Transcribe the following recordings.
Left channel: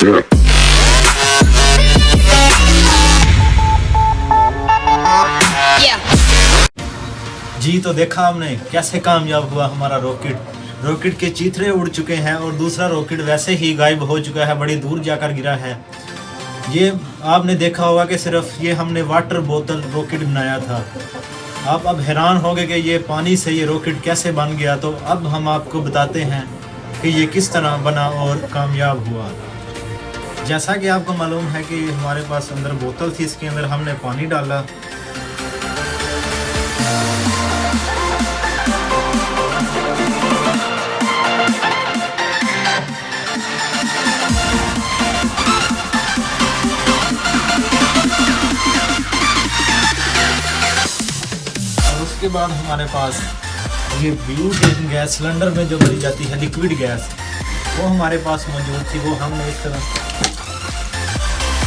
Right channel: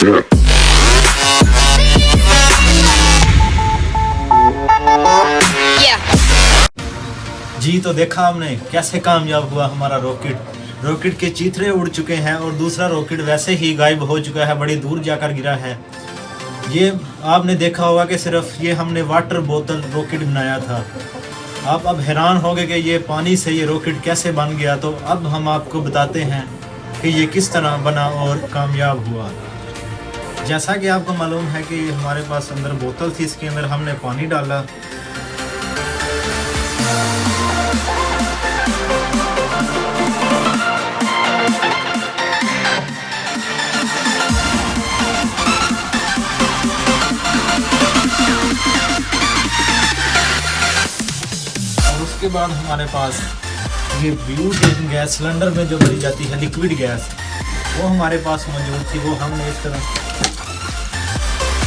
जी तो देखा हमने कैसे कामयाब हुआ हमारा रॉकेट के चीथड़े उड़ चुके हैं और दूसरा रॉकेट वैसे ही गायब हो चुका है, बड़ी दूर जाकर गिरा है। ये आपने देखा होगा कि सिर्फ ये हमने वाटर बोतल रॉकेट बनाया था। आप अब हैरान होंगे कि ये पानी से ये रॉकेट कैसे बन गया। तो अब हम आपको बताते हैं कि ये किस तरह बना और कामयाब हुआ। जैसा कि आपको मालूम है कि हमारे पास अंदर बोतल थी, इसके अंदर हमने पानी डाला। उसके बाद हमारे पास ये ब्यूटेन गैस सिलेंडर में जो भरी जाती है लिक्विड गैस, वो हमारे पास मौजूद थी। वो हमने इस तरह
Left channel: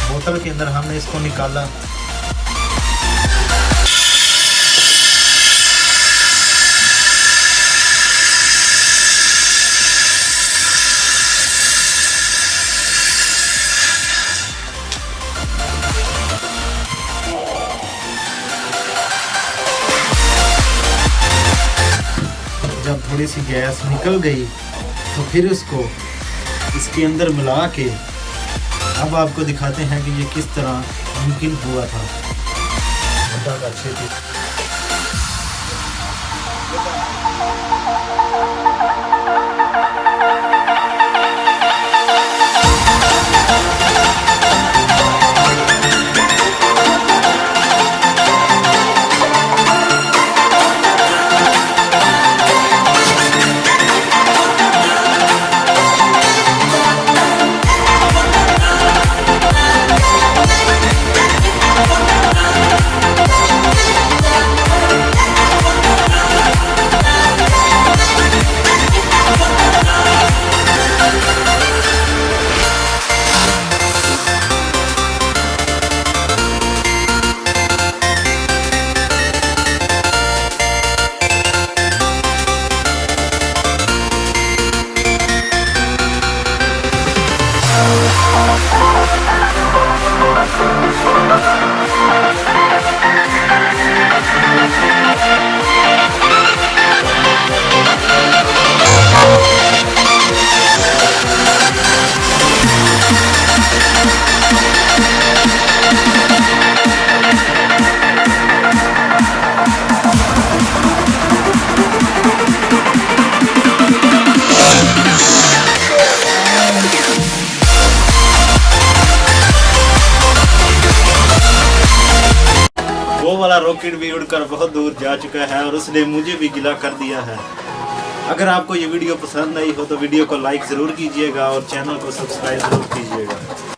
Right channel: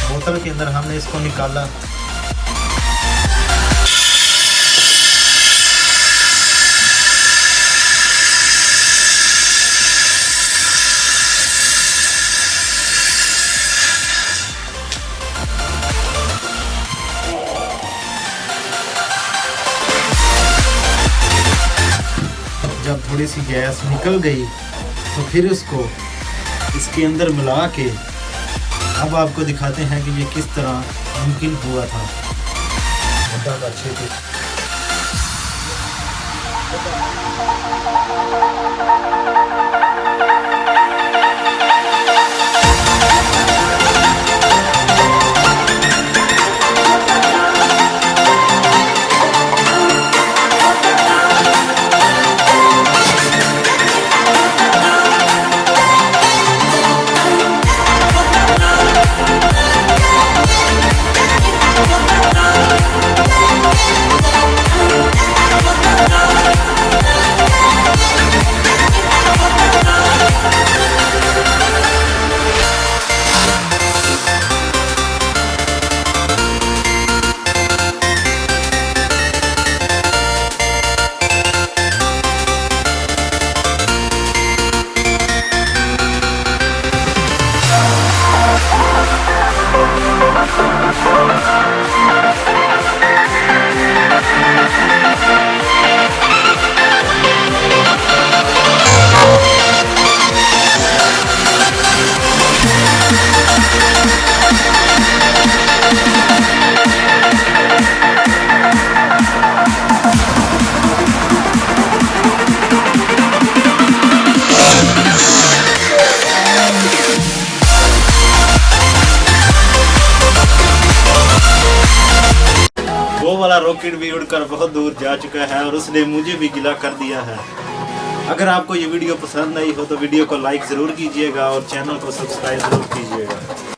बोतल के अंदर हमने इसको निकाला। जब थोड़ी सी गैस निकल गई तो फिर उसको इसके अंदर मिला के अब आपको दिखाते हैं कि ये किस तरह मुमकिन हुआ था। वो वाला रॉकेट भी उड़कर बहुत दूर जा चुका है और उसने मुझे भी गिला कर दिया है। अगर आपको ये वीडियो पसंद आई हो तो वीडियो को लाइक ज़रूर कीजिएगा और चैनल को सब्सक्राइब ज़रूर कीजिएगा।